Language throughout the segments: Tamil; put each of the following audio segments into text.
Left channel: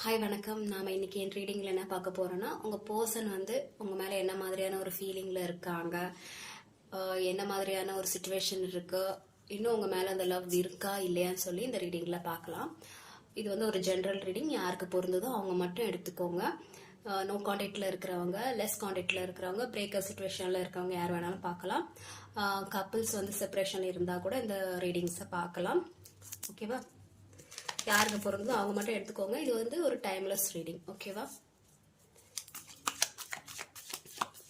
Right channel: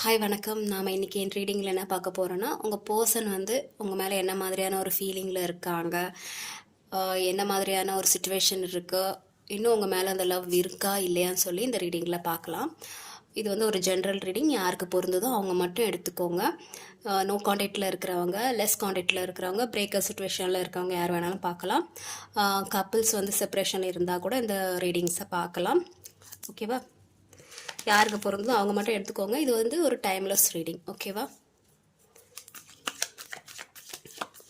ஹாய் வணக்கம். நாம் இன்றைக்கி என் ரீடிங்கில் என்ன பார்க்க போகிறோன்னா, உங்கள் பர்சன் வந்து உங்கள் மேலே என்ன மாதிரியான ஒரு ஃபீலிங்கில் இருக்காங்க, என்ன மாதிரியான ஒரு சுச்சுவேஷன் இருக்குது, இன்னும் உங்கள் மேலே அந்த லவ் இருக்கா இல்லையான்னு சொல்லி இந்த ரீடிங்கில் பார்க்கலாம். இது வந்து ஒரு ஜென்ரல் ரீடிங். யாருக்கு பொருந்ததோ அவங்க மட்டும் எடுத்துக்கோங்க. நோ காண்டாக்டில் இருக்கிறவங்க, லெஸ் காண்டாக்டில் இருக்கிறவங்க, பிரேக்கப் சுச்சுவேஷனில் இருக்கிறவங்க யார் வேணாலும் பார்க்கலாம். கப்புள்ஸ் வந்து செப்பரேஷன் இருந்தால் கூட இந்த ரீடிங்ஸை பார்க்கலாம். ஓகேவா? யாருக்கு பொருந்தோ அவங்க மட்டும் எடுத்துக்கோங்க. இது வந்து ஒரு டைம்லெஸ் ரீடிங். ஓகேவா?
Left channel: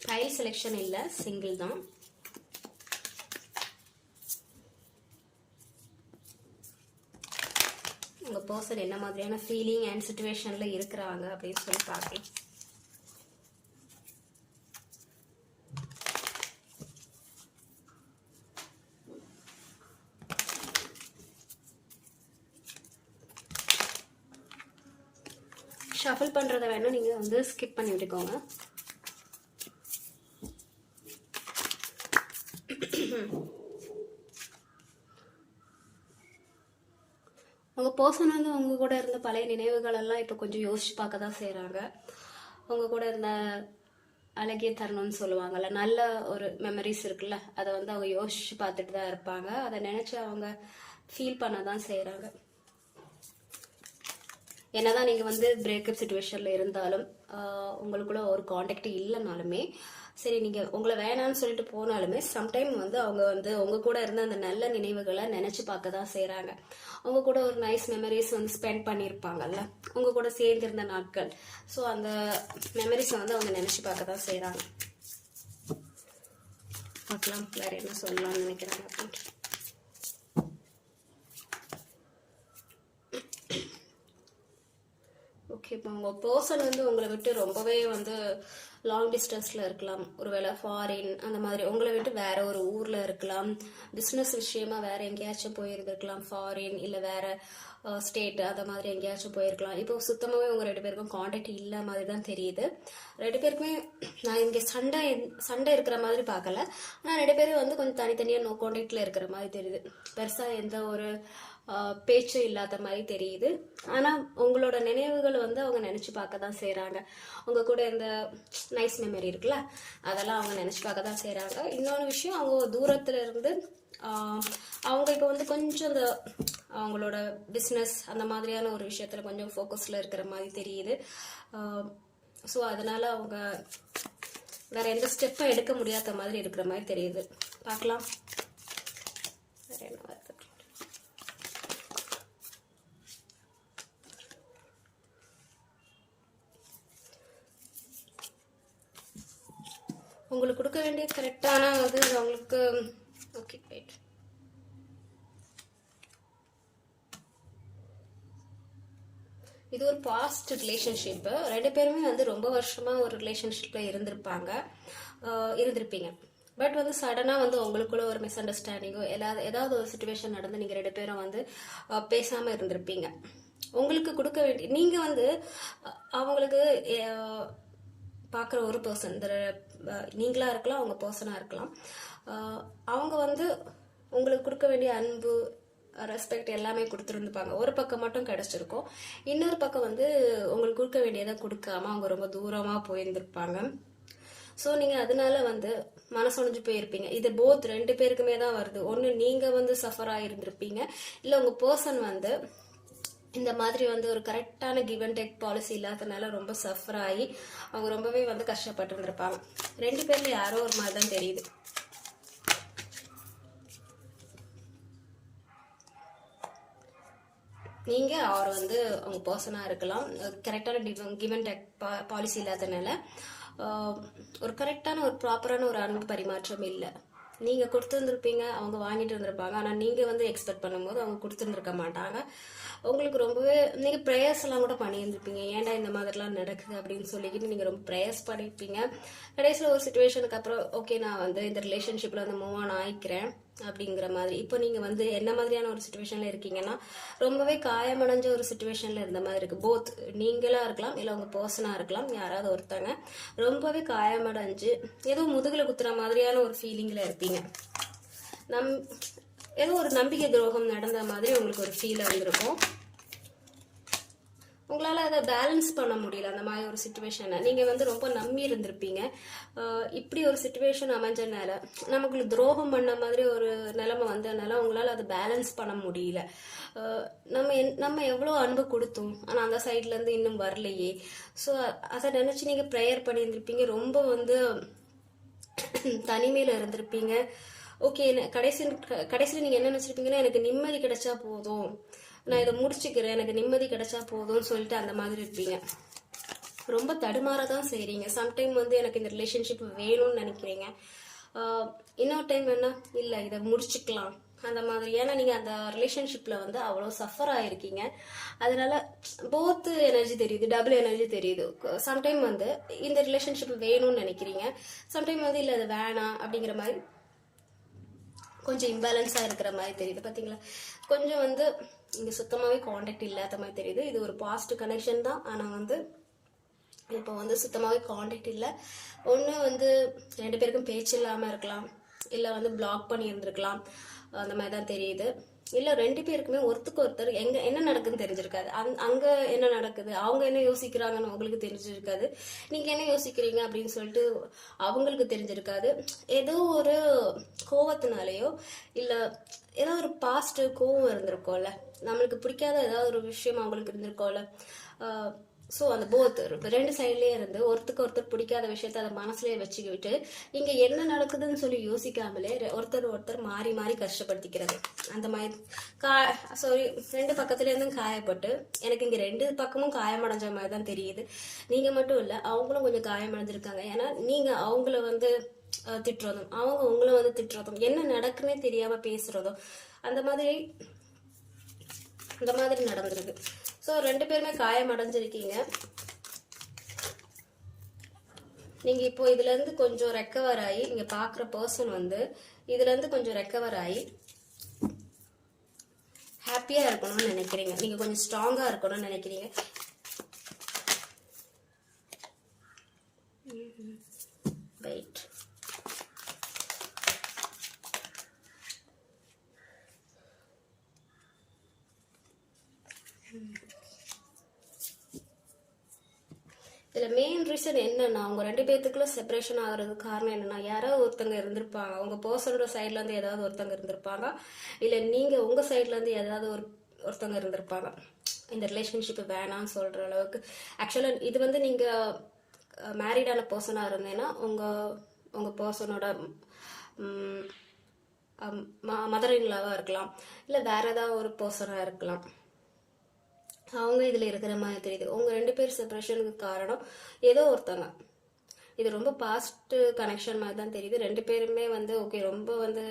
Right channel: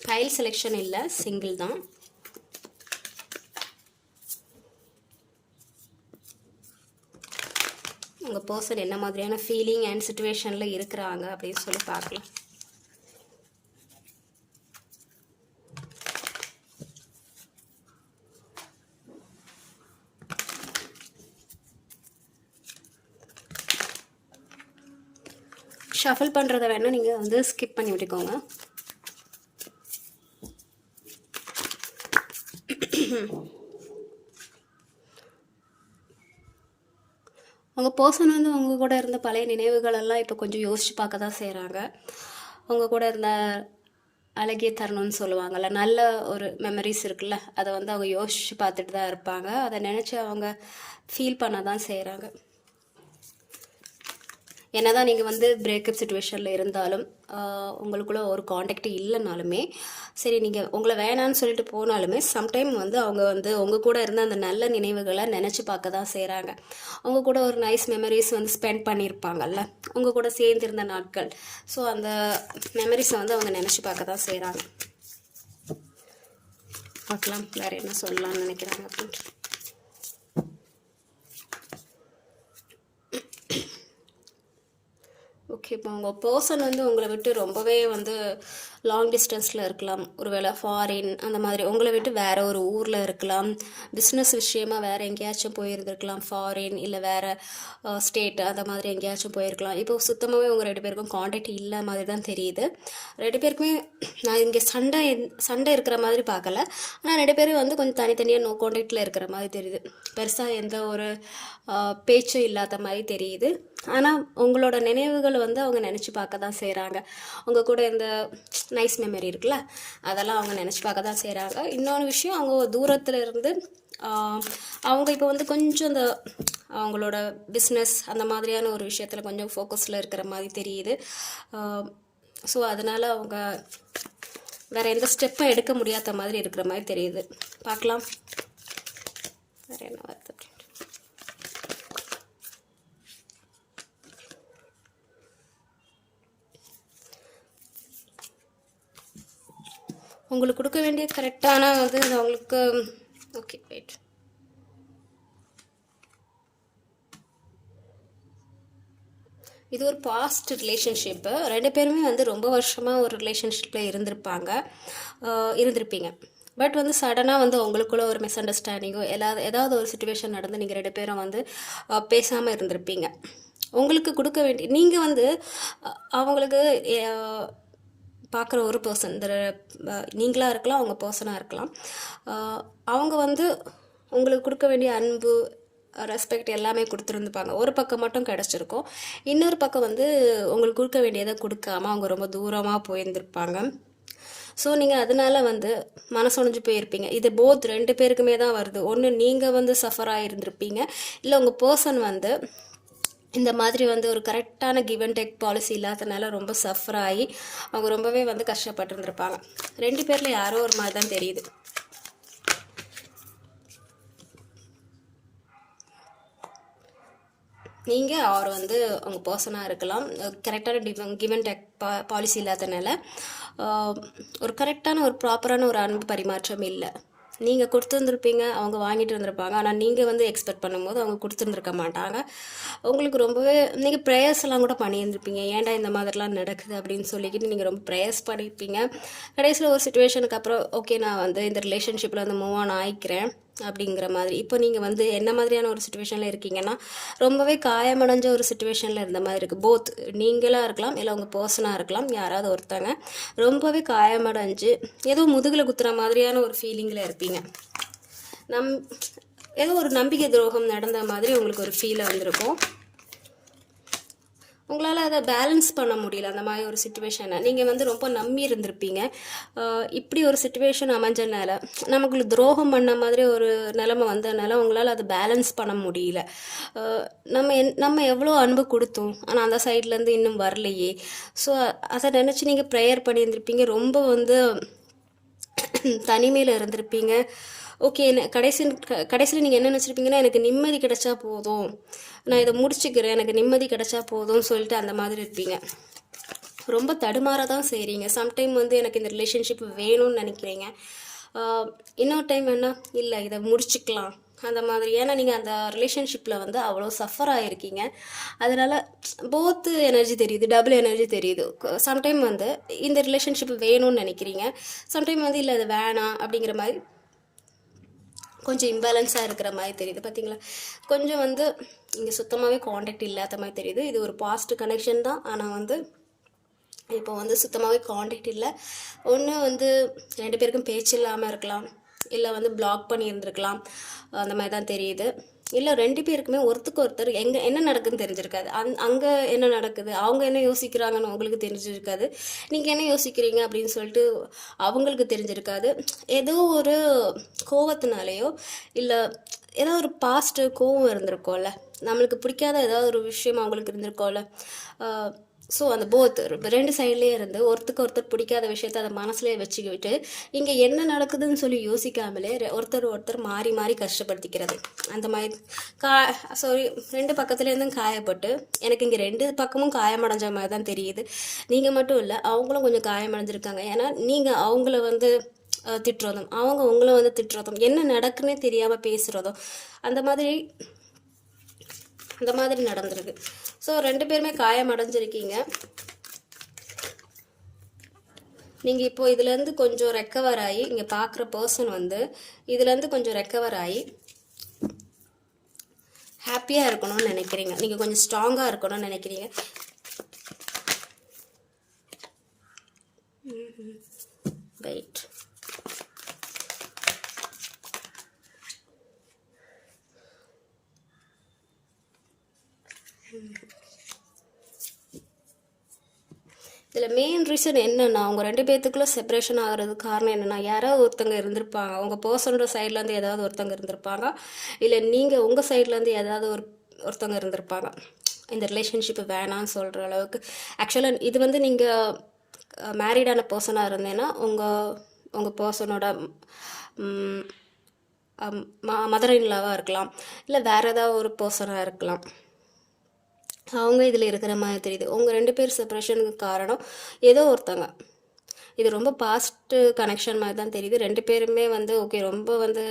ஃபைல் செலெக்ஷன் இல்லை, சிங்கிள் தான். உங்கள் பர்சன் என்ன மாதிரியான ஃபீலிங் அண்ட் சிச்சுவேஷனில் இருக்கிறாங்க அப்படின்னு சொல்லி பார்க்கலாம். ஷஃபில் பண்ணுறதை வேணால் நீங்கள் வந்து ஸ்கிப் பண்ணி விட்டுக்கோங்க. உங்கள் பர்சன் வந்து உங்கள் கூட இருந்த பழைய நினைவுகளெல்லாம் இப்போ கொஞ்சம் யோசித்து பார்க்க தான் செய்கிறாங்க. உங்கள் கூட இருந்த அழகிய தருணம்னு சொல்லுவாங்கள்ல, நல்ல ஒரு மெமரிஸ் இருக்குல்ல, அதை வந்து அவங்க யோசித்து பார்த்துட்டு தான் இருப்பாங்க. அதை நினச்சி அவங்க ஃபீல் பண்ண தான் செய்கிறாங்க. என்னதான் நீங்கள் வந்து பிரேக்கப் சுச்சுவேஷனில் இருந்தாலும், உங்களுக்குள்ள ஒரு காண்டாக்ட் இல்லைனாலுமே சரி, நீங்கள் உங்களை வேணான்னு சொல்லிட்டு போனாலுமே சம்டைம் வந்து அவங்க வந்து உங்கள் கூட இருந்த அந்த நல்ல நினைவுகளை நினச்சி பார்க்க தான் செய்கிறாங்க. உங்கள் கூட ஒரு நைஸ் மெமரிஸ் வந்து ஸ்பெண்ட் பண்ணியிருப்பாங்கல்ல, உங்கள் கூட சேர்ந்திருந்த நாட்கள். ஸோ அந்த மெமரிஸை வந்து அவங்க நினச்சி பார்க்க தான் செய்கிறாங்க. பார்க்கலாம் வேறு என்ன சொல்லலாம்னு நினைக்கிறாங்க அப்படின்ட்டு. ஓகே, இப்போ உங்கள் பர்சன் வந்து உங்களை விட்டு ரொம்பவே வந்து லாங் டிஸ்டன்ஸில் இருக்கலாம். ஒருவேளை ஃபாரின் அந்த மாதிரி உங்களை விட்டு வேறு ஒரு ஊரில் இருக்கலாம். பிஸ்னஸ் விஷயமாக வேறு எங்கேயாச்சும் போயிருந்துருக்கலாம், ஃபாரின் இல்லை வேறு ஸ்டேட் அந்த மாதிரி எங்கேயாச்சும் போயிருக்கலாம். இப்போ சுத்தமாகவே உங்கள் 2 பேருக்கும் காண்டாக்ட் இல்லை மாதிரி தான் தெரியுது. 2 பேருக்குமே நான் இங்கே சண்டை இருக்கிற மாதிரி பார்க்கல, ஆனால் 2 பேரும் வந்து கொஞ்சம் தனித்தனியாக நோ காண்டாக்டில் இருக்கிற மாதிரி தெரியுது. பெருசாக எந்த ஒரு பேச்சும் இல்லாத மாதிரி தெரியுது. ஆனால் உங்களோட நினைவுகள் வந்து அவங்க நினச்சி பார்க்க தான் செய்கிறாங்க. உங்கள் கூட இந்த நைஸ் மெமரி இருக்குல்ல, அதெல்லாம் அவங்க நினச்சி பார்க்க தான் செய்கிறாங்க. இன்னொரு விஷயம், அவங்க தூரத்தில் இருந்து அவங்க இப்போ வந்து கொஞ்சம் இந்த அவங்களோட பிஸ்னஸ் அந்த மாதிரியான ஒரு விஷயத்தில் கொஞ்சம் ஃபோக்கஸில் இருக்கிற மாதிரி தெரியுது. ஸோ அதனால் அவங்க வேறு எந்த ஸ்டெப்பும் எடுக்க முடியாத மாதிரி இருக்கிற மாதிரி தெரியுது. பார்க்கலாம் வேறு என்ன வருது. உங்களுக்கு கொடுக்க வேண்டிய கரெக்டான வந்து அவங்களுக்கு ஓகே வெயிட். இது ஒரு பாஸ்ட் ரிலேஷன்ஷிப்பு. 2 பேருமே வந்து ரொம்ப வருஷமாக ஒரு ரிலேஷன்ஷிப்பில் இருந்திருப்பீங்க. பட் வந்து சடனாக வந்து உங்களுக்குள்ள ஒரு மிஸ் அண்டர்ஸ்டாண்டிங்கோ ஏதாவது ஒரு சுச்சுவேஷன் நடந்து நீங்கள் 2 பேரும் வந்து பேசாமல் இருந்திருப்பீங்க. உங்களுக்கு கொடுக்க வேண்டிய நீங்கள் வந்து அவங்களுக்கு பார்க்குற ஒரு பர்சன், இந்த நீங்களாக இருக்கலாம், அவங்க பர்சனாக இருக்கலாம், அவங்க வந்து உங்களுக்கு கொடுக்க வேண்டிய அன்பு, ரெஸ்பெக்ட் எல்லாமே கொடுத்துருந்துப்பாங்க. ஒரு பக்கம் மட்டும் கிடச்சிருக்கும். இன்னொரு பக்கம் வந்து உங்களுக்கு கொடுக்க வேண்டியதை கொடுக்காம அவங்க ரொம்ப தூரமாக போயிருந்திருப்பாங்க. ஸோ நீங்கள் அதனால வந்து மனசொடைஞ்சு போயிருப்பீங்க. இது போத் 2 பேருக்குமே தான் வருது. ஒன்று நீங்கள் வந்து சஃபர் ஆகிருந்திருப்பீங்க, இல்லை உங்கள் பர்சன் வந்து இந்த மாதிரி வந்து ஒரு கரெக்டான கிவ் அண்ட் டேக் பாலிசி இல்லாதனால ரொம்ப சஃபர் ஆகி அவங்க ரொம்பவே வந்து கஷ்டப்பட்டுருந்துருப்பாங்க. 2 பேரில் யாரோ ஒரு மாதிரி தான் தெரியுது. நீங்கள் அவர் வந்து உங்கள் பர்சனாக இருக்கலாம். கரெக்டான கிவ் அண்ட் டேக் பாலிசி இல்லாதனால ஒரு கரெக்டான ஒரு ப்ராப்பரான ஒரு அன்பு பரிமாற்றம் இல்லை. நீங்கள் கொடுத்துருந்துருப்பீங்க, அவங்க வாங்கிட்டு வந்திருப்பாங்க. ஆனால் நீங்கள் வந்து எக்ஸ்பெக்ட் பண்ணும்போது அவங்க கொடுத்துருந்துருக்க மாட்டாங்க. உங்களுக்கு ரொம்பவே நீங்கள் ப்ரேயர்ஸ் எல்லாம் கூட பண்ணியிருந்துருப்பீங்க, ஏன்டா இந்த மாதிரிலாம் நடக்குது அப்படின்னு சொல்லிக்கிட்டு நீங்கள் ரொம்ப ப்ரேயர்ஸ் பண்ணியிருப்பீங்க. கடைசியில் ஒரு சுச்சுவேஷனுக்கு அப்புறம் ஓகே நான் வந்து இந்த ரிலேஷன்ஷிப்பில் வந்து மூவ் ஆன் ஆகிக்கிறேன் அப்படிங்கிற மாதிரி. இப்போ நீங்கள் வந்து என்ன மாதிரியான ஒரு சுச்சுவேஷனில் இருக்கீங்கன்னா, ரொம்பவே காயமடைஞ்ச ஒரு சுச்சுவேஷனில் இருந்த மாதிரி இருக்குது. போத் நீங்களாக இருக்கலாம், இல்லை உங்கள் பர்சனாக இருக்கலாம், யாராவது ஒருத்தங்க ரொம்பவே காயமடைஞ்சு ஏதோ முதுகில் குத்துற மாதிரியான ஒரு ஃபீலிங்கில் இருப்பீங்க. ஏதோ ஒரு நம்பிக்கை துரோகம் நடந்த மாதிரி உங்களுக்கு ஒரு ஃபீல் வந்திருக்கும். உங்களால் அதை பேலன்ஸ் பண்ண முடியல. அந்த மாதிரி ஒரு சுச்சுவேஷனை நீங்கள் வந்து ரொம்ப நம்பி இருந்திருப்பீங்க. இப்படி ஒரு சுச்சுவேஷன் அமைஞ்சனால நமக்கு துரோகம் பண்ண மாதிரி ஒரு நிலைமை வந்ததுனால உங்களால் அதை பேலன்ஸ் பண்ண முடியல. நம்ம எவ்வளோ அன்பு கொடுத்தோம், ஆனால் அந்த சைட்லேருந்து இன்னும் வரலையே. ஸோ அதை நினச்சி நீங்கள் ப்ரேயர் பண்ணியிருந்திருப்பீங்க. ரொம்ப வந்து தனிமையில் இருந்திருப்பீங்க. ஓகே, கடைசியில் நீங்கள் என்ன நினச்சிருப்பீங்கன்னா, எனக்கு நிம்மதி கிடைச்சா போதும், நான் இதை முடிச்சுக்கிறேன், எனக்கு நிம்மதி கிடைச்சா போதும்னு சொல்லிட்டு அந்த மாதிரி இருப்பீங்க. ரொம்ப தடுமாற தான் செய்கிறீங்க. சம்டைம் வந்து எனக்கு இந்த ரிலேஷன்ஷிப் வேணும்னு நினைக்கிறீங்க. இன்னொரு டைம் என்ன, இல்லை இதை முடிச்சுக்கலாம் அந்த மாதிரி. ஏன்னா நீங்கள் அந்த ரிலேஷன்ஷிப்பில் வந்து அவ்வளோ சஃபர் ஆகிருக்கீங்க. அதனால் போத்து எனர்ஜி தெரியுது, டபுள் எனர்ஜி தெரியுது. சம்டைம் வந்து இந்த ரிலேஷன்ஷிப் வேணும்னு நினைக்கிறீங்க, சம்டைம் வந்து இல்லை அது வேணாம் அப்படிங்கிற மாதிரி கொஞ்சம் இம்பேலன்ஸாக இருக்கிற மாதிரி தெரியுது. பார்த்தீங்களா, கொஞ்சம் வந்து இங்கே சுத்தமாகவே காண்டாக்ட் இல்லாத மாதிரி தெரியுது. இது ஒரு பாஸ்ட் கனெக்ஷன் தான், ஆனால் வந்து இப்போ வந்து சுத்தமாகவே காண்டாக்ட் இல்லை. ஒன்று வந்து 2 பேருக்கும் பேச்சு இல்லாமல் இருக்கலாம், இல்லை வந்து பிளாக் பண்ணி இருந்திருக்கலாம், அந்த மாதிரி தான் தெரியுது. இல்லை 2 பேருக்குமே ஒருத்தருக்கு ஒருத்தர் என்ன நடக்குதுன்னு தெரிஞ்சிருக்காது. அங்கே என்ன நடக்குது, அவங்க என்ன யோசிக்கிறாங்கன்னு உங்களுக்கு தெரிஞ்சிருக்காது, நீங்கள் என்ன யோசிக்கிறீங்க அப்படின்னு சொல்லிட்டு அவங்களுக்கு தெரிஞ்சிருக்காது. ஏதோ ஒரு கோவத்தினாலேயோ இல்லை ஏதோ ஒரு பாஸ்ட்டு கோவம் இருந்திருக்கோம்ல, நம்மளுக்கு பிடிக்காத ஏதாவது ஒரு விஷயம் அவங்களுக்கு இருந்திருக்கோம்ல. ஸோ அந்த போத் 2 சைட்லேயே இருந்து ஒருத்தருக்கு ஒருத்தர் பிடிக்காத விஷயத்த அதை மனசுலேயே வச்சுக்கிட்டு இங்கே என்ன நடக்குதுன்னு சொல்லி யோசிக்காமலே ஒருத்தர் மாறி மாறி கஷ்டப்படுத்திக்கிறது. அந்த மாதிரி சாரி 2 பக்கத்துலேருந்தும் காயப்பட்டு எனக்கு இங்கே 2 பக்கமும் காயமடைஞ்ச மாதிரி தான் தெரியுது. நீங்கள் மட்டும் இல்லை, அவங்களும் கொஞ்சம் காயமடைஞ்சிருக்காங்க. ஏன்னா நீங்கள் அவங்கள வந்து திட்டுறதும், அவங்க உங்களை வந்து திட்டுறதும், என்ன நடக்குன்னே தெரியாமல் பேசுகிறதும், அந்த மாதிரி நடந்துருக்கு. ஸோ 2 பேருமே காயமடைஞ்சிருக்கீங்க. நீங்கள் இப்போது இதுலேருந்து கொஞ்சம் ரெக்கவர் ஆகி, இங்கே பார்க்குற பர்சன் வந்து இதுலேருந்து கொஞ்சம் ரெக்கவர் ஆகி ஹாப்பியாக இருக்கணும்னு நினைக்கிறீங்க. நீங்கள் கொஞ்சம் ஸ்ட்ராங்காக இருக்கணும்னு நினைக்கிறீங்க. வெயிட், இதில் மெயின் ரீசன் என்னென்னா, அவங்க 2 பேர்த்துக்குள்ளே செப்பரேஷன் ஆகிறதுக்கு காரணம் என்னென்னா, யாராவது ஒருத்தங்க இருந்திருப்பாங்க. உங்கள் பர்சனோட சைட்லேருந்து ஏதாவது ஒருத்தங்க இருந்திருப்பாங்க, இல்லை நீங்கள் உங்கள் சைட்லேருந்து ஏதாவது ஒருத்தங்க இருந்திருப்பாங்க இந்த ரிலேஷன்ஷிப்பு வேணான்னு சொல்கிற அளவுக்கு. ஆக்சுவலாக இது வந்து நீங்கள் மேரீடான பர்சனாக இருந்தேன்னா உங்கள் பர்சனோட மதர் இன்லாவாக இருக்கலாம், இல்லை வேறு ஏதாவது ஒரு பர்சனாக இருக்கலாம். அவங்க இதில் இருக்கிற மாதிரி தெரியுது. உங்கள் 2 பேர் செப்பரேஷனுக்கு காரணம் ஏதோ ஒருத்தங்க. இது ரொம்ப பாஸ்ட்டு கனெக்ஷன் மாதிரி தான் தெரியுது. 2 பேருமே வந்து ஓகே, ரொம்ப வந்து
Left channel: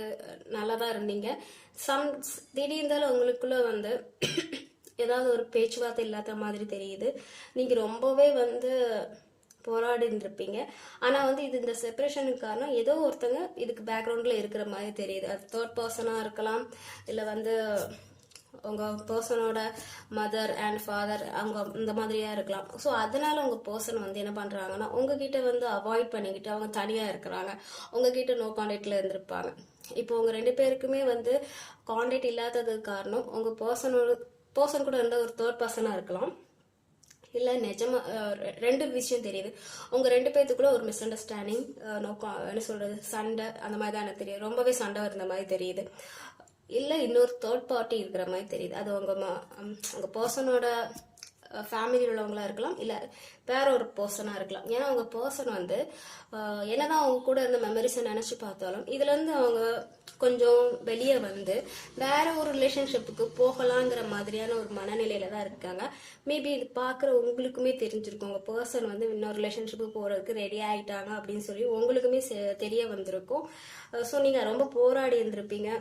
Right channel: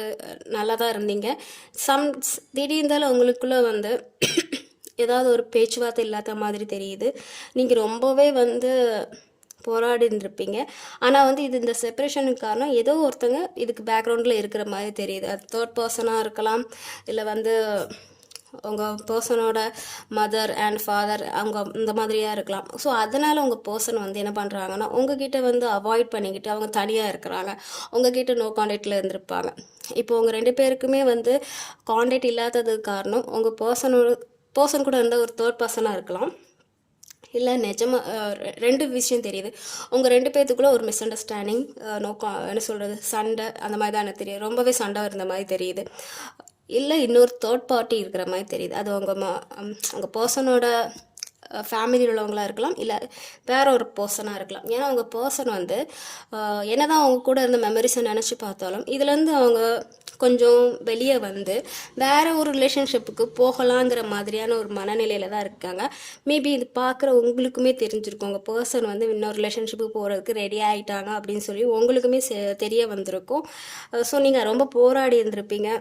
நல்லா தான் இருந்தீங்க. திடீர்ந்தாலும் உங்களுக்குள்ளே வந்து ஏதாவது ஒரு பேச்சுவார்த்தை இல்லாத மாதிரி தெரியுது. நீங்கள் ரொம்பவே வந்து போராடி இருந்திருப்பீங்க. ஆனால் வந்து இது இந்த செப்பரேஷனுக்கு காரணம் ஏதோ ஒருத்தங்க இதுக்கு பேக்ரவுண்டில் இருக்கிற மாதிரி தெரியுது. அது 3rd பர்சனாக இருக்கலாம், இல்லை வந்து உங்கள் பர்சனோட மதர் அண்ட் ஃபாதர் அவங்க இந்த மாதிரியாக இருக்கலாம். ஸோ அதனால் உங்கள் பர்சன் வந்து என்ன பண்ணுறாங்கன்னா, உங்ககிட்ட வந்து அவாய்ட் பண்ணிக்கிட்டு அவங்க தனியாக இருக்கிறாங்க, உங்ககிட்ட நோ காண்டாக்டில் இருந்திருப்பாங்க. இப்போ உங்கள் 2 பேருக்குமே வந்து காண்டாக்ட் இல்லாததுக்கு காரணம் உங்கள் பர்சன் கூட இருந்த ஒரு 3rd பர்சனாக இருக்கலாம், இல்லை நிஜமாக 2 விஷயம் தெரியுது. உங்கள் 2 பேர்த்துக்குள்ளே ஒரு மிஸ் அண்டர்ஸ்டாண்டிங், என்ன சொல்கிறது, சண்டை, அந்த மாதிரி தான் எனக்கு தெரியும். ரொம்பவே சண்டை இருந்த மாதிரி தெரியுது. இல்லை இன்னொரு 3rd பார்ட்டி இருக்கிற மாதிரி தெரியுது. அது உங்கள் பர்சனோட ஃபேமிலியில் உள்ளவங்களாக இருக்கலாம், இல்லை வேற ஒரு பர்சனாக இருக்கலாம். ஏன்னா உங்கள் பர்சன் வந்து என்ன தான் அவங்க கூட இருந்த மெமரிஸை நினச்சி பார்த்தாலும் இதுலேருந்து அவங்க கொஞ்சம் வெளியே வந்து வேறு ஒரு ரிலேஷன்ஷிப்புக்கு போகலாங்கிற மாதிரியான ஒரு மனநிலையில் தான் இருக்காங்க. மேபி இது பார்க்குற உங்களுக்குமே தெரிஞ்சிருக்கும், உங்கள் பர்சன் வந்து இன்னொரு ரிலேஷன்ஷிப்புக்கு போகிறதுக்கு ரெடி ஆகிட்டாங்க அப்படின்னு சொல்லி உங்களுக்குமே தெரிய வந்திருக்கும். ஸோ நீங்கள் ரொம்ப போராடி இருந்திருப்பீங்க.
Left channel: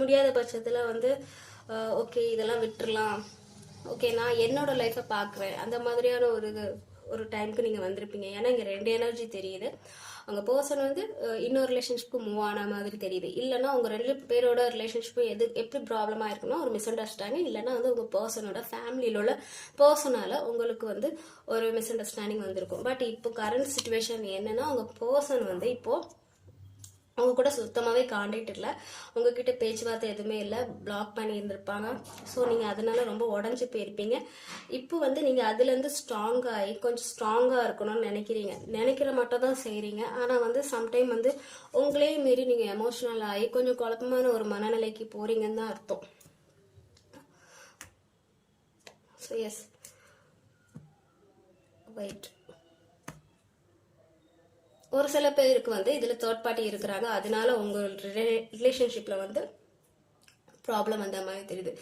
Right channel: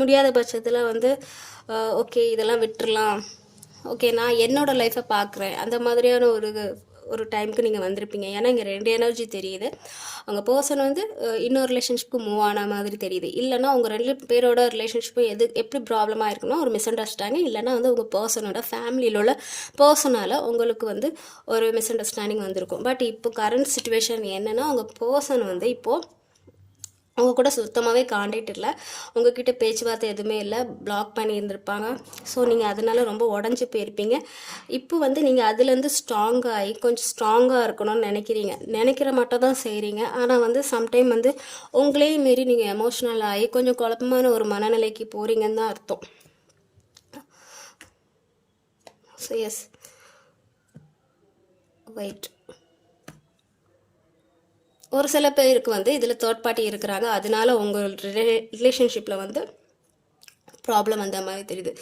முடியாத பட்சத்தில் வந்து ஓகே இதெல்லாம் விட்டுறலாம், ஓகே நான் என்னோடய லைஃப்பை பார்க்குறேன், அந்த மாதிரியான ஒரு டைமுக்கு நீங்கள் வந்திருப்பீங்க. ஏன்னா இங்கே 2 எனர்ஜி தெரியுது. அவங்க பர்சன் வந்து இன்னொரு ரிலேஷன்ஷிப்புக்கு மூவ் ஆன மாதிரி தெரியுது. இல்லைனா உங்கள் 2 பேரோட ரிலேஷன்ஷிப்பு எப்படி ப்ராப்ளமாக இருக்குன்னா ஒரு மிஸ் அண்டர்ஸ்டாண்டிங், இல்லைனா வந்து உங்கள் பர்சனோட ஃபேமிலியில் உள்ள பர்சனால் உங்களுக்கு வந்து ஒரு மிஸ் அண்டர்ஸ்டாண்டிங் வந்திருக்கும். பட் இப்போ கரண்ட் சுச்சுவேஷன் என்னென்னா, உங்கள் பர்சன் வந்து இப்போது அவங்க கூட சுத்தமாகவே காண்டாக்ட் இல்லை, உங்ககிட்ட பேச்சுவார்த்தை எதுவுமே இல்லை, பிளாக் பண்ணி இருந்திருப்பாங்க. ஸோ நீங்கள் அதனால ரொம்ப உடஞ்சி போயிருப்பீங்க. இப்போ வந்து நீங்கள் அதுலேருந்து ஸ்ட்ராங்காகி கொஞ்சம் ஸ்ட்ராங்காக இருக்கணும்னு நினைக்கிற மட்டும் தான் செய்கிறீங்க. ஆனால் வந்து சம்டைம் வந்து உங்களே மீறி நீங்கள் எமோஷ்னல் ஆகி கொஞ்சம் குழப்பமான ஒரு மனநிலைக்கு போகிறீங்கன்னு தான் அர்த்தம். So yes, wait. ஒரு சில பேருக்கு வந்து இதில் தேர்ட் பார்ட்டி இருக்கிறாங்க, அதனால உங்கள் ரிலேஷன்ஷிப்பில் வந்து ப்ராப்ளம் அந்த மாதிரி தெரியுது.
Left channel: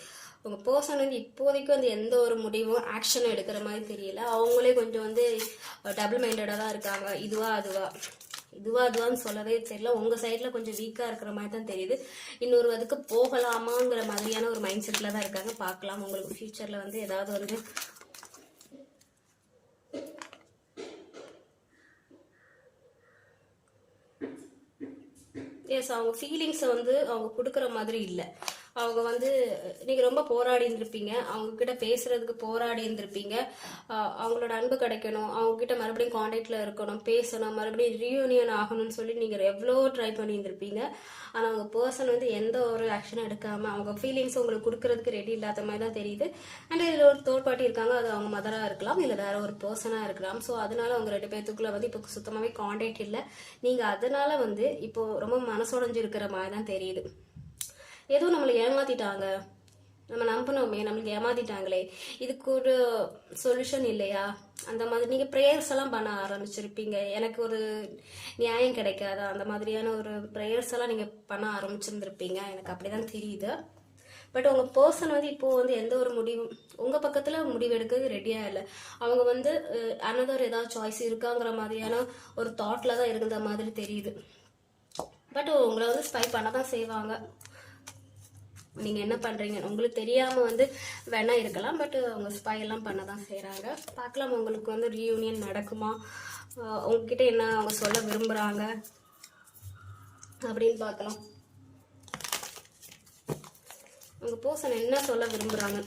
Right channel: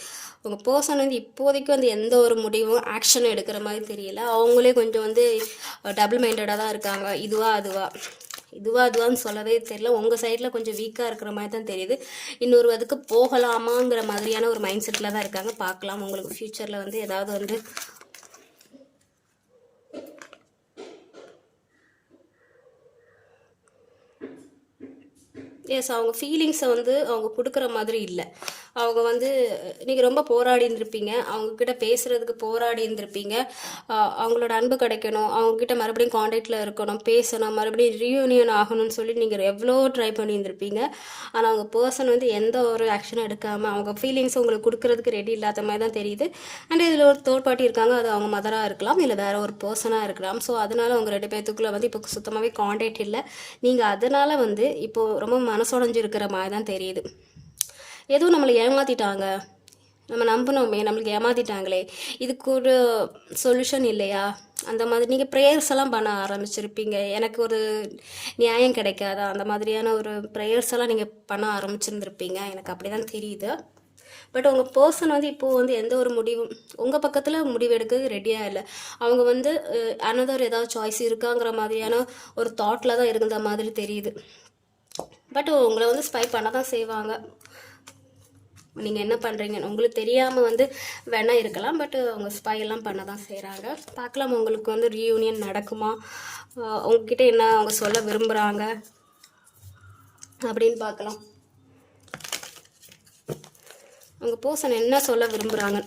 உங்கள் பர்சன் வந்து இப்போதைக்கு வந்து எந்த ஒரு முடிவும் ஆக்ஷன் எடுக்கிற மாதிரி தெரியல. அவங்களே கொஞ்சம் வந்து டபுள் மைண்டடாக தான் இருக்காங்க. இதுவான்னு சொல்லவே தெரியல. உங்கள் சைடில் கொஞ்சம் வீக்காக இருக்கிற மாதிரி தான் தெரியுது. இன்னொரு அதுக்கு போகலாமாங்கிற மாதிரியான ஒரு மைண்ட் செட்டில் தான் இருக்காங்க. பார்க்கலாம் உங்களுக்கு ஃப்யூச்சரில் வந்து ஏதாவது வந்து எஸ், அவங்க ஃபீலிங்ஸை வந்து அவங்க கொடுக்குற மாதிரி இல்லை. அவங்க வந்து நீங்கள் ரொம்ப போராடி இருந்திருப்பீங்க, அவங்கக்கிட்ட பேசுகிறதுக்கு போராடி இருந்திருப்பீங்க. அவங்களோட அன்பு கிடைக்கணும், அவங்கக்கிட்ட மறுபடியும் காண்டாக்டில் இருக்கணும், பேசணும், மறுபடியும் ரீயூனியன் ஆகணும்னு சொல்லி நீங்கள் எவ்வளோ ட்ரை பண்ணியிருந்திருப்பீங்க. ஆனால் அவங்க பர்சன் வந்து எந்த ஒரு ஆக்ஷனும் எடுக்காமல் அவங்க ஃபீலிங்ஸ் உங்களுக்கு கொடுக்கறதுக்கு ரெடி இல்லாத மாதிரி தான் தெரியுது. அண்ட் இதில் ஒரு தேர்ட் பார்ட்டி இருக்காங்க, அது அவங்க மதராக இருக்கலாம், இல்லை வேறு ஒரு பர்சனாக இருக்கலாம். ஸோ அதனால் அவங்க 2 பேர்த்துக்குள்ளே வந்து இப்போ சுத்தமாகவே காண்டாக்ட் இல்லை. நீங்கள் அதனால் வந்து இப்போது ரொம்ப மனசுடைஞ்சு இருக்கிற மாதிரி தான் தெரியுது. எதுவும் நம்மளை ஏமாற்றிட்டாங்க, நம்ம நம்பினோமே, நம்மளுக்கு ஏமாற்றிட்டாங்களே, இதுக்கு ஒரு சொல்யூஷன் இல்லையா, அந்த மாதிரி நீங்கள் ப்ரேயர்ஸ் எல்லாம் பண்ண ஆரம்பிச்சிருப்பீங்க. எனக்கு ஒரு நியாயம் கிடைக்காதா, அந்த மாதிரியான ஒரு ப்ரேயர்ஸ் எல்லாம் நீங்கள் பண்ண ஆரம்பிச்சிருந்துருப்பீங்க. எனக்கு அப்படி தான் தெரியுது. பட் உங்கள் பர்சன் வந்து இப்போது வந்து எந்த ஒரு முடிவும் உங்கள் பக்கத்தில் முடிவு எடுக்க ரெடியாக இல்லை. அவங்க வந்து அனதர் ஏதாவது சாய்ஸ் இருக்காங்கிற மாதிரியான ஒரு தாட்டில் தான் இருந்த மாதிரி தெரியுது. பட் உங்களை வந்து ஸ்பை பண்ண தான் செய்வாங்க. நீங்கள் என்ன பண்ணுறீங்க உங்களுக்கு தெரியாமல் வந்து வேணா இருக்கலாம், பட் அவங்க ஸ்பையெல்லாம் பண்ண தான் செய்கிறாங்க. பார்க்கலாம் உங்களுக்கு வந்து ரீயூனியன் நடக்குமா, உங்ககிட்ட என்ன அவங்க சொல்ல விரும்புகிறாங்க அப்படின்னு பார்க்கலாம். உங்கள் பர்சன் என்ன சொல்ல விரும்புகிறாங்க,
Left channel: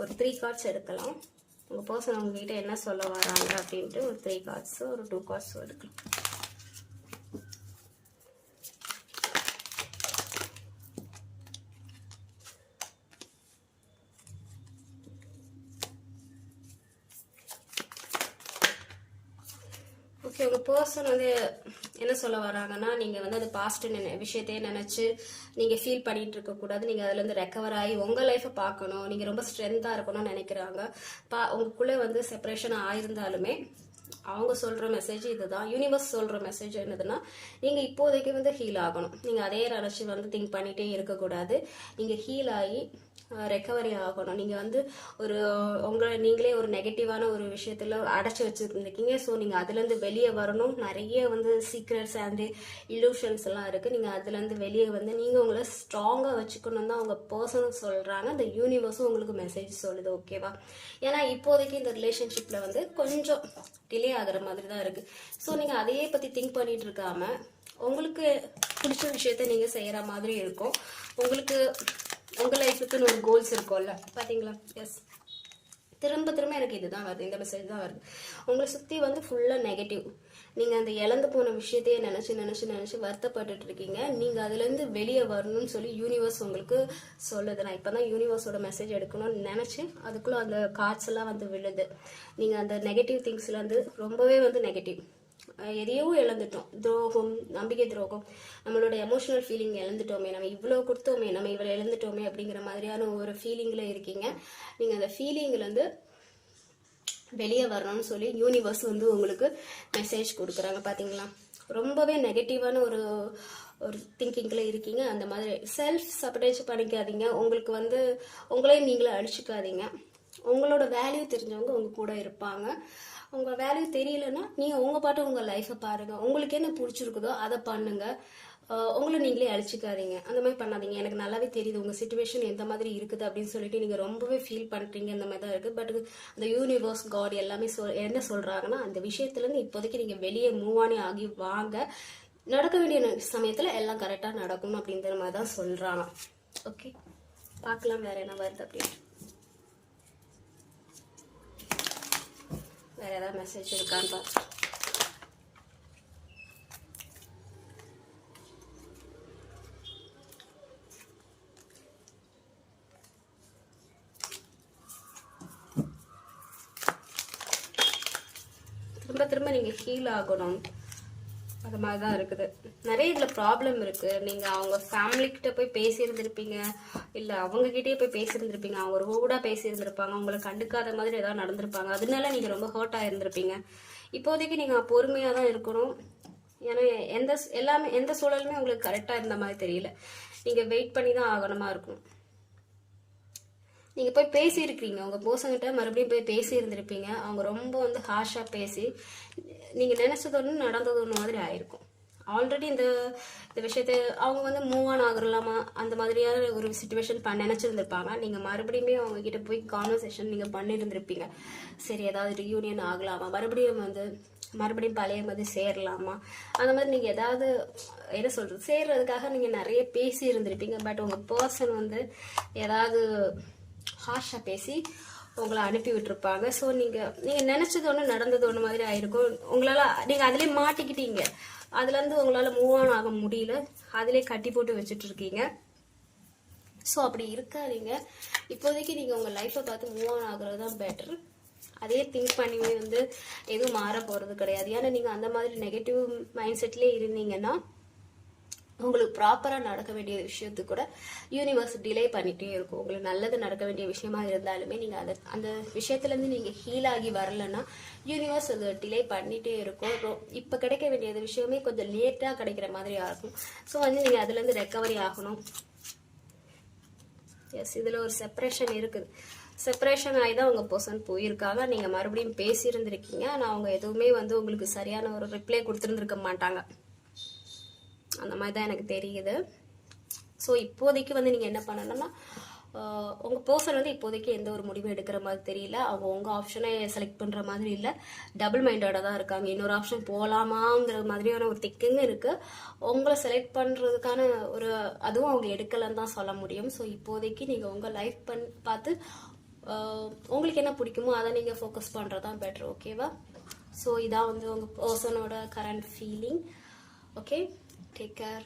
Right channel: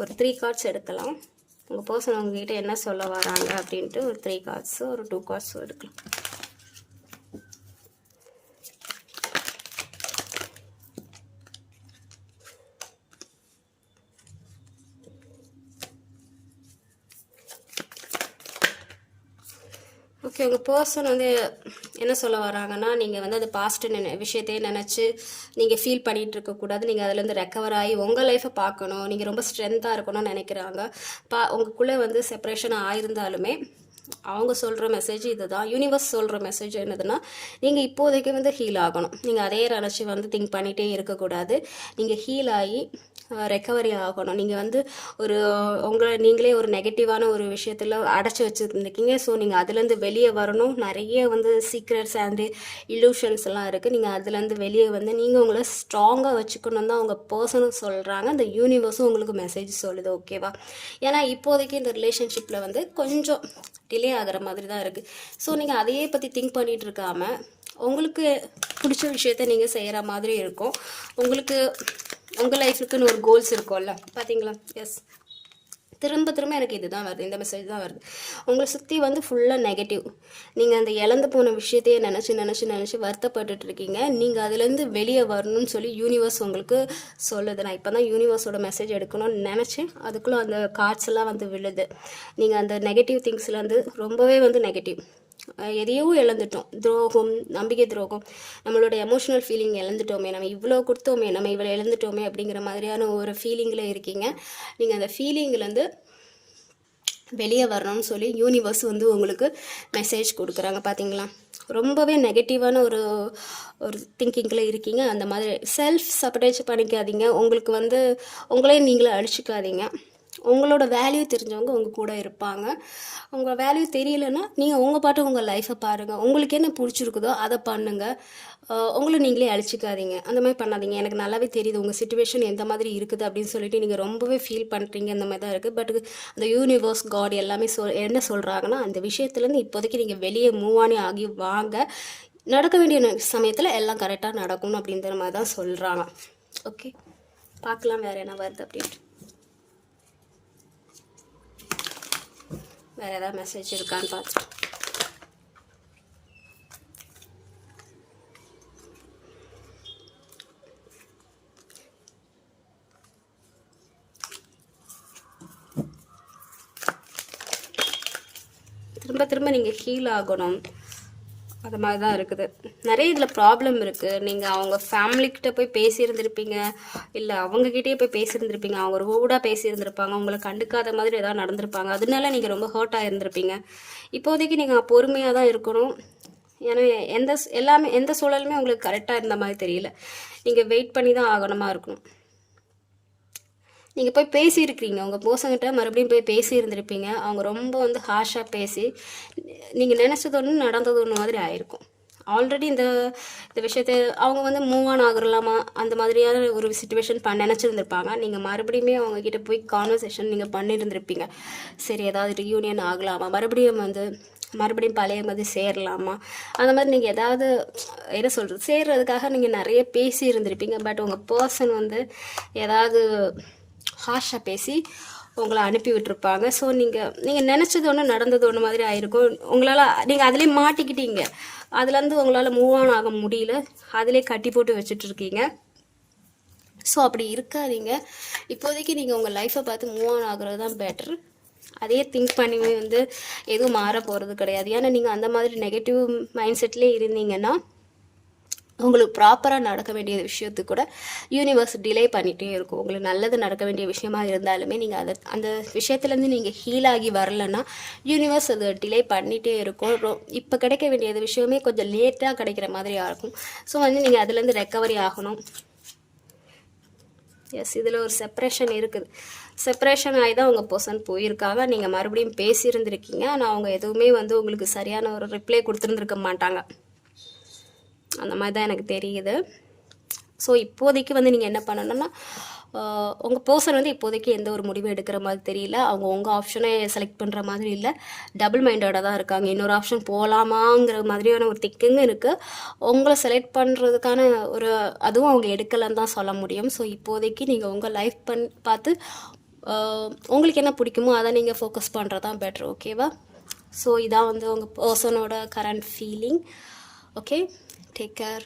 ஒரு 3 கார்ட்ஸ் எடுக்கலாம். உங்கள் பர்சன் உங்ககிட்ட என்ன சொல்ல வராங்க அப்படின்ட்டு ஒரு 3 கார்ட்ஸு, ஒரு 2 கார்ட்ஸும் எடுக்கலாம். ஓகே, உங்கள் பர்சன் வந்து என்ன சொல்ல வராங்கன்னா, நீங்கள் வந்து அந்த பாஸ்ட் விஷயத்தையே நினச்சி நீங்கள் ஃபீல் பண்ணிகிட்டு இருக்கக்கூடாது. நீங்கள் அதுலேருந்து ரெக்கவர் ஆகி உங்கள் லைஃப்பை பார்க்கணும், நீங்கள் ரொம்ப ஸ்ட்ரென்த்தாக இருக்கணும்னு நினைக்கிறாங்க. உங்களுக்குள்ளே வந்து செப்பரேஷன் ஆயிருந்தாலுமே அவங்க சொல்கிற மெசேஜ் இது தான். யூனிவர்ஸ் சொல்கிற மெசேஜ் என்னதுன்னா, நீங்கள் இப்போதைக்கு வந்து ஹீல் ஆகணும். நீங்கள் அதே நினச்சி வந்து திங்க் பண்ணிகிட்டே இருக்கக்கூடாது. நீங்கள் ஹீல் ஆகி ரெக்கவரி ஆகணும். நீங்கள் வந்து நீங்களே ஒரு நெகட்டிவான ஒரு விஷயத்தில் அடைச்சி வச்சுருந்துருக்கீங்க. ஸோ நீங்கள் அதுலேருந்து வெளியே வரணும். நிறைய வந்து சீக்ரெட்ஸ் அண்டு இலூஷன்ஸ் எல்லாம் இருக்குது. நீங்கள் அதுலேருந்து வெளியே வந்து நீங்கள் உங்களை ஸ்ட்ராங்காக வச்சுக்கணும் தான் உங்கள் பர்சனும் சொல்கிறாங்க. அந்த யூனிவர்ஸும் உங்களுக்கு மெசேஜ் சொல்லுது. ஓகேவா? ஏன்னா இப்போதைக்கு இந்த ரிலேஷன்ஷிப்பில் வந்து கொஞ்சம் டிலே ஆகிற மாதிரி தான் இருக்குது. ஸோ நீங்கள் அதையே பற்றி திங்க் பண்ணிகிட்டு இருக்காமல் உங்களுக்கு பிடிச்ச விஷயத்த நீங்கள் செய்கிற மாதிரி இருக்கும். உங்களுக்கு உங்கள் லைஃபுக்குன்னு ஒரு கோல்ஸ் இருக்கும்ல, பார்த்தீங்களா? எஸ், திரும்ப எனக்கு இது தான் வருது, இந்த மெசேஜ் தான் வருது. உங்களை சுற்றி வந்து ஃபுல்லாக நெகட்டிவ். நீங்கள் அந்த இழந்து போன விஷயத்தையே நினச்சி வருத்தப்பட்டுட்டு இருக்கீங்க. நீங்கள் அதுலேருந்து வெளியே வரணும்னு சொல்லி யூனிவர்ஸ் உங்களுக்கு சொல்லுது. நான் இப்போ தான் யூனிவர்ஸோட மெசேஜ் எடுக்கணும்னு நினச்சேன், அதுக்குள்ளே அந்த கார்ட்ஸ் எல்லாம் வந்து விழுது. நீங்கள் அந்த நெகட்டிவ் திங்ஸ்லேருந்து ரொம்பவே வந்து நெகட்டிவ் எதையோ இழந்துட்டோம், துரோகம், நம்பிக்கை துரோகம், நம்மளோட எமோஷனல் ஃபீலிங் இழந்துட்டோமே, நம்ம இவ்வளோ கொடுத்தோமே, நம்ம இவ்வளோ இழந்துட்டோமே அப்படிங்கிற மாதிரியான ஒரு ஃபீலிங்கில் இருக்கீங்க. நீங்கள் அந்த ஃபீலிங்லேருந்து வெளியே வரணும்னு சொல்லி யூனிவர்ஸ் வந்து உங்களுக்கு மெசேஜ் கொடுக்குறாங்க. பார்த்தீங்களா? ரொம்பவே நெகட்டிவான ஒரு திங்கிங்கில் இருக்கீங்க. அந்த மாதிரி செல்ஃப் சப்போர்டேஜ் பண்ணிக்காதீங்க. உங்களுக்கு வந்து உங்களே நீங்களே அழிச்சிக்காதீங்க. உங்களோட வேல்யூ தெரிஞ்சவங்க உங்கள் கூட இருப்பாங்க. உங்கள் வேல்யூ தெரியலன்னா நீங்கள் உங்கள் பாட்டு உங்கள் லைஃப்பை பாருங்கள். உங்களுக்கு என்ன பிடிச்சிருக்குதோ அதை பண்ணுங்கள். உங்களை நீங்களே அழிச்சிக்காதீங்க, அந்த மாதிரி பண்ணாதீங்க. எனக்கு நல்லாவே தெரியுது உங்கள் சிச்சுவேஷன் எந்த மாதிரி இருக்குது அப்படின்னு சொல்லிட்டு நீங்கள் ரொம்பவே ஃபீல் பண்ணுறீங்க. அந்த மாதிரி தான் இருக்குது. பட் அந்த யூனிவர்ஸ், காட் எல்லாமே என்ன சொல்கிறாங்கன்னா, அந்த விஷயத்துலேருந்து இப்போதைக்கு நீங்கள் வெளியே மூவ் ஆகி வாங்க. நடக்க வேண்டிய சமயத்தில் எல்லாம் கரெக்டாக நடக்கணும் அப்படிங்கிற மாதிரி தான் சொல்கிறாங்க. ஓகே, பார்க்கலாம் வேறு என்ன வருது அப்படின்ட்டு. வேறு ஏதாவது மெசேஜ் இருக்கான்னு பார்த்து. திரும்ப திரும்ப நீங்கள் ஹீல் ஆகணும், அது மாதிரி தான் இருக்குது. நிறைய இதில் ப்ராப்ளம் இருக்குது. நீங்கள் அவங்க ஃபேமிலிக்கிட்ட போய் பேசியிருந்திருப்பீங்க, இல்லை அவங்கக்கிட்டே போய் பேசியிருந்திருப்பீங்க, அவங்க ரூடாக பேசியிருந்திருப்பாங்க, உங்களை கண்டுக்காத மாதிரி ஏதாவது நடந்திருப்பாங்க, அதனால நீங்கள் ரொம்ப ஹர்ட் ஆகிருந்திருப்பீங்க. இப்போதைக்கு நீங்கள் பொறுமையாக தான் இருக்கணும். ஏன்னா எந்த சூழலுமே உங்களுக்கு கரெக்டாக இருந்த மாதிரி தெரியல. நீங்கள் வெயிட் பண்ணி தான் ஆகணுமா இருக்கணும். நீங்கள் போய் பேசியிருக்கிறீங்க, உங்கள் பர்சன்கிட்ட மறுபடியும் போய் பேசியிருந்திருப்பீங்க. அவங்க ரொம்ப வந்து ஹார்ஷாக பேசி நீங்கள் நினச்சது ஒன்று நடந்தது ஒன்று மாதிரி ஆயிருக்கும். ஆல்ரெடி இந்த விஷயத்தை அவங்க வந்து மூவ் ஆன் ஆகலாமா அந்த மாதிரியான ஒரு சுச்சுவேஷன் நினச்சிருந்துருப்பாங்க. நீங்கள் மறுபடியுமே அவங்கக்கிட்ட போய் கான்வர்சேஷன் நீங்கள் பண்ணியிருந்திருப்பீங்க. சரி, ஏதாவது ரியூனியன் ஆகலாமா, மறுபடியும் பழைய மாதிரி சேரலாமா, அந்த மாதிரி நீங்கள் ஏதாவது என்ன சொல்கிறது சேர்றதுக்காக நீங்கள் நிறைய பேசி இருந்திருப்பீங்க. பட் உங்கள் பர்சன் வந்து ஏதாவது ஹார்ஷாக பேசி உங்களை அனுப்பி விட்டுருப்பாங்க. ஸோ நீங்கள் நினச்சது ஒன்று நடந்தது ஒன்று மாதிரி ஆயிருக்கும். நீங்கள் அதிலே மாட்டிக்கிட்டீங்க, அதுலேருந்து உங்களால் மூவ் ஆன் ஆக முடியல, அதிலே கட்டி போட்டு வச்சுட்டு இருக்கீங்க. ஸோ அப்படி இருக்காதீங்க. இப்போதைக்கு நீங்கள் உங்கள் லைஃப்பை பார்த்து மூவ் ஆன் ஆகுறது தான் பெட்டர். அதே திங்க் பண்ணி வந்து எதுவும் மாற போகிறது கிடையாது. ஏன்னா நீங்கள் அந்த மாதிரி நெகட்டிவ் மைண்ட் செட்லேயே இருந்தீங்கன்னா உங்களுக்கு ப்ராப்பராக நடக்க வேண்டிய விஷயத்துக்கு கூட யூனிவர்ஸ் டிலே பண்ணிகிட்டே இருக்கும். உங்களுக்கு நல்லது நடக்க வேண்டிய விஷயமா இருந்தாலுமே நீங்கள் அந்த விஷயத்துலேருந்து நீங்கள் ஹீல் ஆகி வரலன்னா யூனிவர்ஸ் அது டிலே பண்ணிகிட்டே இருக்கும். இப்போ கிடைக்க வேண்டியது விஷயமே கொஞ்சம் லேட்டாக கிடைக்கிற மாதிரியாக இருக்கும். ஸோ வந்து நீங்கள் அதுலேருந்து ரெக்கவரி ஆகணும். எஸ், இதில் ஒரு செப்பரேஷன் இருக்குது. செப்பரேஷன் ஆகி தான் உங்கள் பர்சன் போயிருக்காங்க. நீங்கள் மறுபடியும் பேசியிருந்திருக்கீங்க, ஆனால் அவங்க எதுவுமே வந்து உங்களுக்கு சரியான ஒரு ரிப்ளை கொடுத்துருந்துருக்க மாட்டாங்க. அந்த மாதிரி தான் எனக்கு தெரியுது. ஸோ இப்போதைக்கு வந்து நீங்கள் என்ன பண்ணணும்னா, உங்கள் பர்சன் வந்து இப்போதைக்கு எந்த ஒரு முடிவும் எடுக்கிற மாதிரி தெரியல. அவங்க உங்கள் ஆப்ஷனை செலக்ட் பண்ணுற மாதிரி இல்லை, டபுள் மைண்டடாக தான் இருக்காங்க. இன்னொரு ஆப்ஷன் போகலாமாங்கிற மாதிரியான ஒரு திக்கிங் இருக்குது. உங்களை செலக்ட் பண்ணுறதுக்கான ஒரு அதுவும் அவங்க எடுக்கலைன்னு தான் சொல்ல முடியும். ஸோ இப்போதைக்கு நீங்கள் உங்கள் லைஃப் பார்த்து உங்களுக்கு என்ன பிடிக்குமோ அதை நீங்கள் ஃபோக்கஸ் பண்ணுறது தான் பெட்ரு. ஓகேவா? ஸோ இதான் வந்து உங்கள் பர்சனோட current feeling. Okay, take care.